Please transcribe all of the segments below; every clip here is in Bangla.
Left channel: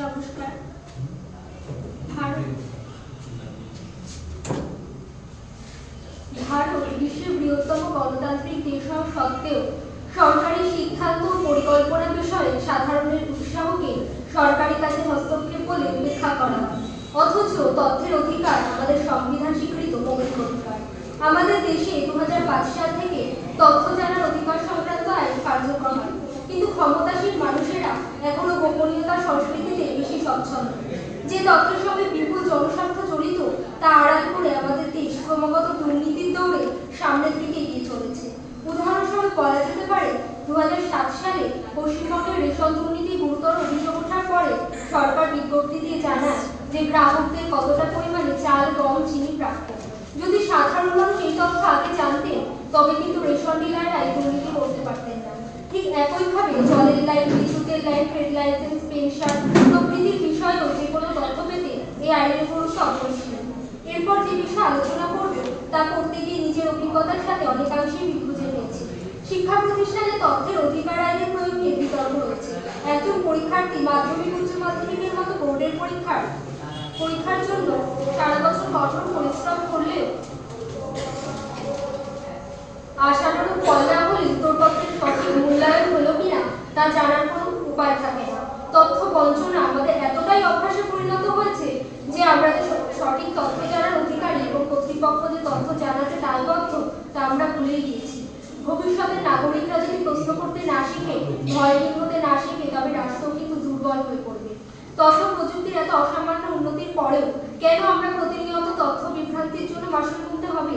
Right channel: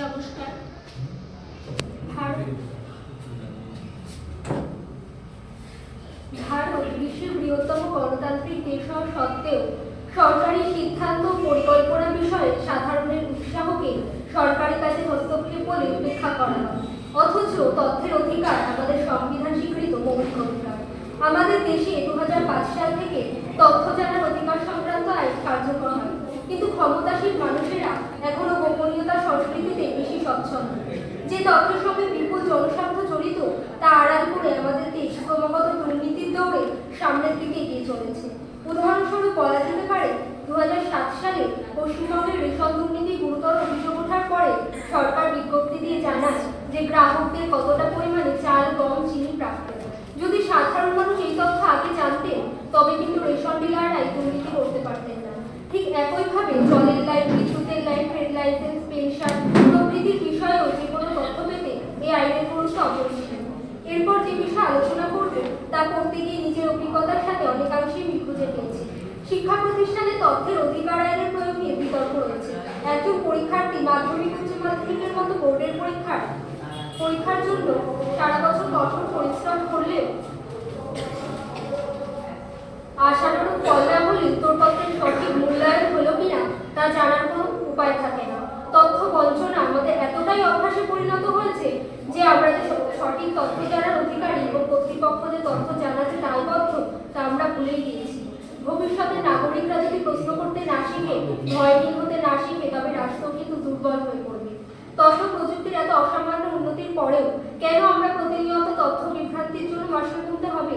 নমস্কার। ভারত বিশ্বের বৃহত্তম গণতান্ত্রিক দেশ হওয়া সত্ত্বেও সরকারি সিদ্ধান্ত পরিকল্পনা বিষয়ে সাধারণের উৎসাহকে সরকারি কাজে হস্তক্ষেপ বলে উপেক্ষা করা। অথচ তথ্যের অধিকার আমাদের সংবিধান স্বীকৃত মৌলিক অধিকার আমাদের দেশে দু হাজার পাঁচ সাল থেকে তথ্য জানার অধিকার সংক্রান্ত আইন কার্যকর হয়। কিন্তু ক্ষমতাসীন মানুষেরা এখনও গোপনীয়তার তথ্যের সঙ্গে বিপুল জনস্বার্থ জড়িত, তা আড়াল করে আমাদের দেশ ক্রমাগত দুর্নীতির দৌড়ে সামনের দিকে এগিয়ে চলেছে। উদাহরণস্বরূপ বলা যেতে পারে দু সালে পশ্চিমবঙ্গের রেশন দুর্নীতি গুরুতর অভিযোগ ওঠার পরে সরকার বিজ্ঞপ্তি দিয়ে জানায় যে গ্রাহকদের কতটা পরিমাণে চাল, গম, চিনি প্রাপ্ত। যদি সাধারণ মানুষ এই তথ্য আগে জানতেন, তবে কিন্তু রেশন ডিলাররা দুর্নীতি করতে পারতেন না। ঠিক একইভাবে জলের লাইন, বিদ্যুতের লাইন ট্রেড লাইসেন্স, পেনশন প্রভৃতির বিষয়েও যে কোনো আইনের গুরুত্ব এরপর যে বিষয়ে আলোচনা করব, তা করতে গিয়ে নিজের অভিজ্ঞতার সাথে অনেকাংশেই খুঁজে পেয়েছি। শিক্ষা প্রতিষ্ঠানে তথ্যের অধিকার আইনের প্রয়োগ নিয়ে বিতর্ক রয়েছে। একজন পরীক্ষার্থী মাধ্যমিক উচ্চ মাধ্যমিকের মতো বোর্ডের পরীক্ষার পরীক্ষার জন্য সারা বছর কঠোর পরিশ্রম করলেও আশানুরূপ ফল না হলে উত্তরপত্রের সঠিক মূল্যায়ন হলো কিনা তা জানার কোনো উপায় থাকে না। তথ্য বঞ্চনা আমাদের এতটাই অভ্যাসে পরিণত হয়েছে যে আমরা যে সঠিক তথ্য জানার অধিকারী এবং কর্তৃপক্ষ যে তথ্য জানাতে দায়বদ্ধ, তা আমরা ভুলেই গিয়েছি। ভবিষ্যতে নাগরিকরা যদি প্রশ্ন করতে না শিখে ভয়হীন হতে না শিখে, তবে রাষ্ট্র কিন্তু দুর্বল হয়ে পড়বে। তথ্য প্রযুক্তির এত অসামান্য উন্নতির পরেও কেন আমরা প্রতিনিয়ত তথ্য বিভ্রান্তির জন্য মাসুল গুনতে হবে?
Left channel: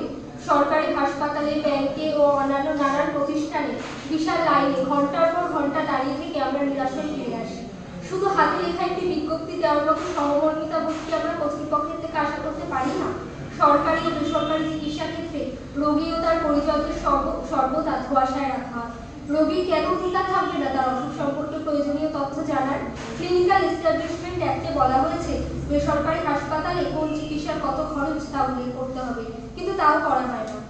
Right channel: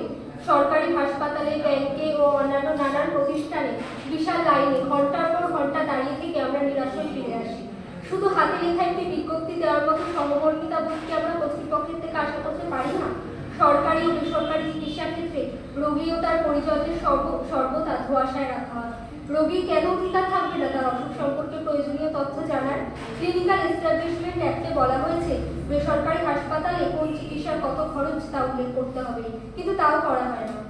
সরকারি হাসপাতালে, ব্যাংকে ও অন্যান্য নানান প্রতিষ্ঠানে বিশাল লাইনে ঘণ্টার পর ঘণ্টা দাঁড়িয়ে থেকে আমরা নিরাশ হয়ে ফিরে আসি শুধু হাতে লেখা একটি বিজ্ঞপ্তি দেওয়ার মতো সহমর্মিতা বোধ কি আমরা কর্তৃপক্ষের থেকে আশা করতে পারি না। সরকারি ও বেসরকারি চিকিৎসা ক্ষেত্রে রোগী ও তার পরিচয়দের সর্ব- সর্বদা ধোয়াশায় রাখা রোগী কেন অধিকার থাকবে না তার অসুখ সম্পর্কে প্রয়োজনীয় তথ্য জানার ক্লিনিক্যাল এস্টাবলিশমেন্ট অ্যাক্টে বলা হয়েছে, বেসরকারি হাসপাতালে কোন চিকিৎসার কত খরচ তা উল্লেখ করতে হবে। কিন্তু তাও করা হয় না।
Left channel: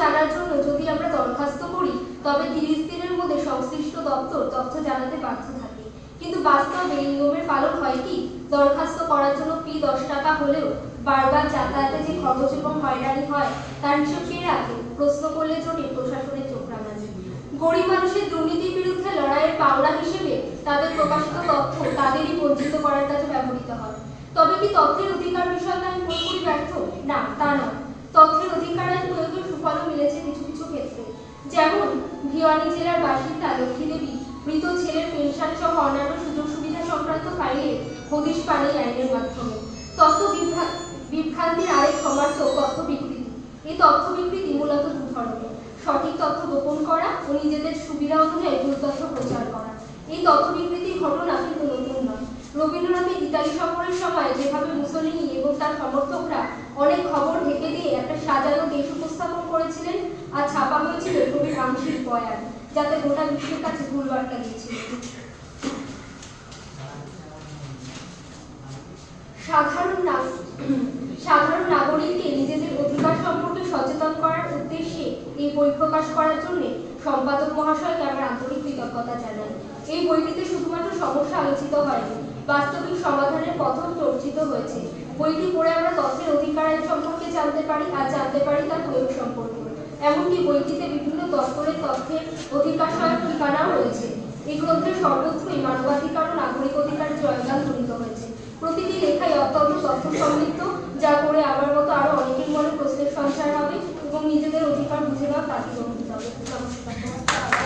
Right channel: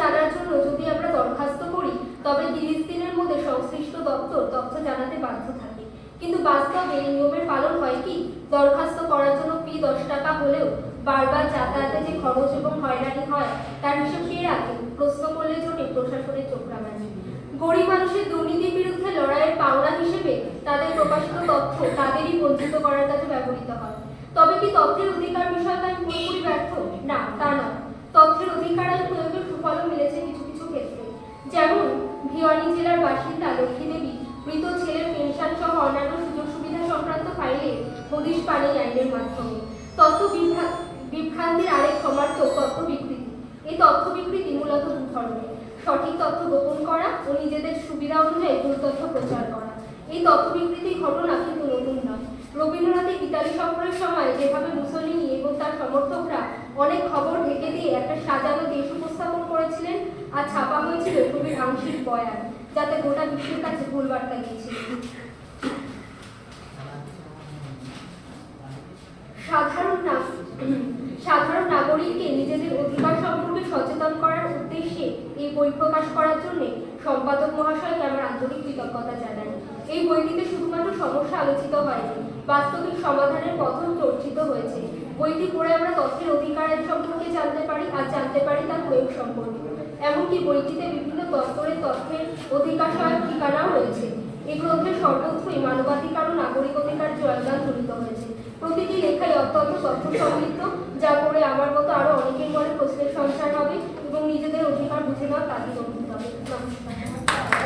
জানার জন্য যদি আমরা দরখাস্ত করি, তবে তিরিশ দিনের মধ্যে সংশ্লিষ্ট দপ্তর তথ্য জানাতে বাধ্য থাকে। কিন্তু বাস্তবে এই নিয়মের পালন হয় কি? দরখাস্ত করার জন্য ফি দশ টাকা হলেও বারবার যাতায়াতে যে খরচ এবং হয়রানি হয়, তার হিসেব কে রাখে? প্রশ্ন করলে জোটে প্রশাসনের চোখ রাঙানি গরিব মানুষের দুর্নীতির বিরুদ্ধে লড়াইয়ের পাওনা হিসেবে তাদের প্রকাশিত তথ্য তাদেরই বঞ্চিত করার কাজে ব্যবহৃত হয়। তবে কি তথ্যের অধিকার বিষয়টা আমি পুরোপুরি ব্যর্থ? না, তা নয়। তথ্যের অধিকার আইন মিলেছে কিছু কিছু ক্ষেত্রে। যেমন, ভিওয়ানি জেলার বাসিন্দা লক্ষ্মী দেবী মৃত ছেলের পেনশন সহ অন্যান্য সুযোগ সুবিধা সংক্রান্ত ফাইলে হদিশ পান এই আইনের মাধ্যমে। তথ্য বিভ্রা- বিভ্রান্তির আরেক সমার্থক তথ্য বিকৃতি এই তথ্য বিকৃতি মূলত দু ধরনের। সঠিক তথ্য গোপন করা ও নিজেদের সুবিধা অনুযায়ী ভুল তথ্য প্রচার করা। এই তথ্য বিকৃতির ঘটনা কিন্তু নতুন নয়। রবীন্দ্রনাথের ইতালি সফরের সময় যেভাবে মুসলিনি এবং তার সমর্থকরা অনেক খবর ঢেকে দিয়ে একটা সাজানো দেশ উপস্থাপন করেছিলেন আর ছাপা হয়েছিল কবির আংশিক বয়ান, যাতে গোটা বিশ্বের কাছে ভুল বার্তা গিয়েছিল সাধারণ সাধারণ নাগরিককে নিজেদের অধিকার সম্পর্কে সচেতন করার উদ্দেশ্যে এই বই প্রকাশ করার জন্য সম্পাদক মহাশয়কে আমার আন্তরিক কৃতজ্ঞতা জানাই এই বইটিতে শুধুমাত্র সমস্যা আলোচিত হয়নি, বাস্তবিক সমাধানের পথও চর্চিত হয়েছে। বইটি পড়ে আমরা তথ্যের অধিকার আইন সম্পর্কে জানতে পারি, আর জানতে পারি তার প্রয়োগ সম্পর্কে। এমনকি বইটিতে বিভিন্ন দপ্তরের তথ্যের অধিকার সহায়ক ঠিকানাও রয়েছে। এই গ্রন্থের সর্বত্রই মানবাধিকার ও নাগরিক অধিকার জয়গান জড়িত হয়েছে। প্রতিটি লেখাই অত্যন্ত তথ্য সমৃদ্ধ যা করে আমার মতো আরও অনেকের মনে প্রশ্নের সঞ্চার হবে এবং নিজেদের অধিকার বুঝে তাগিদ অনুভূত হবে। নমস্কার।